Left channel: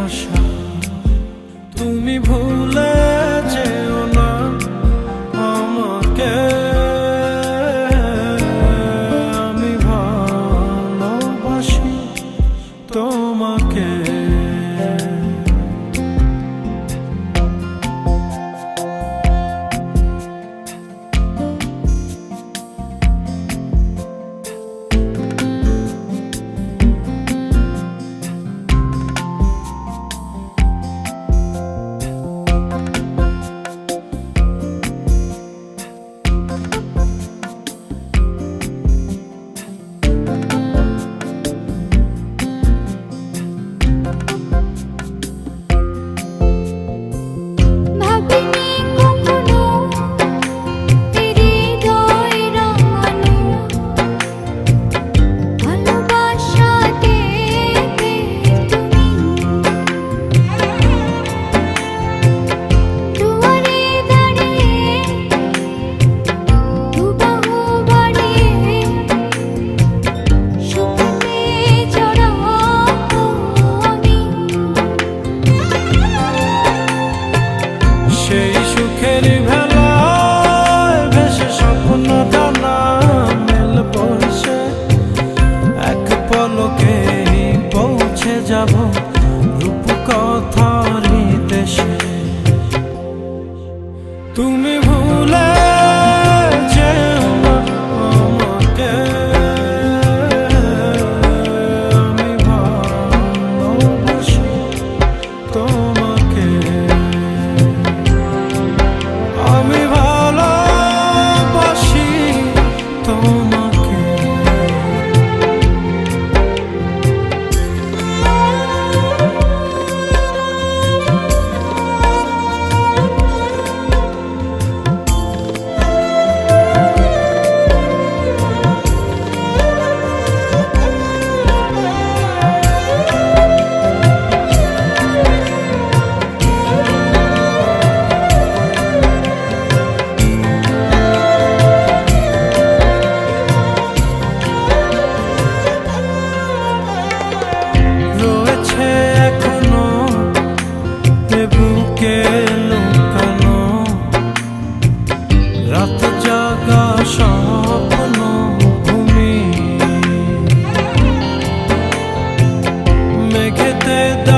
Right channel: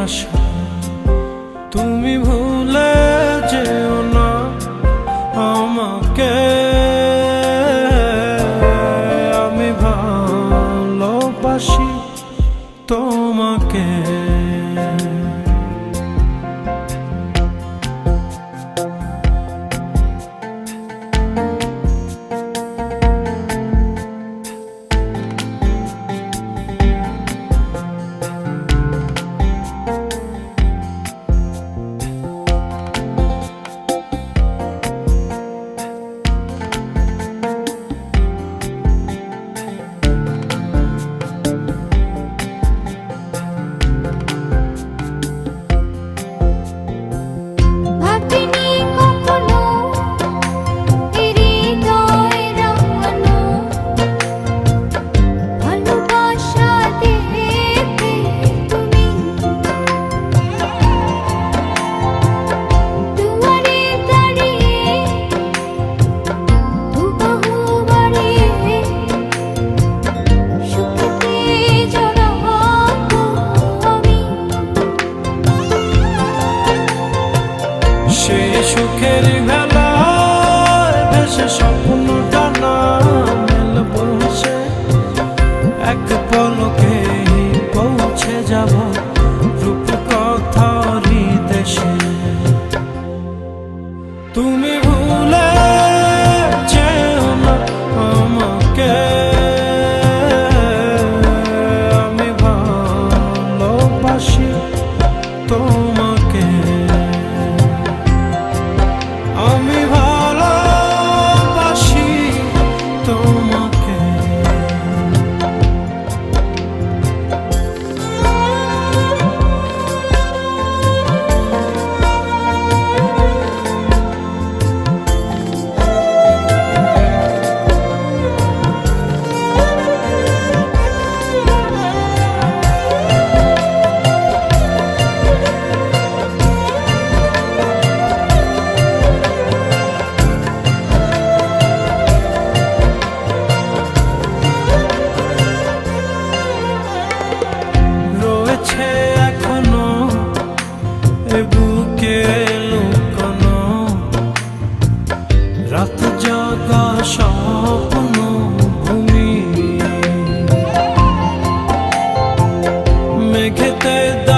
Asha solidão.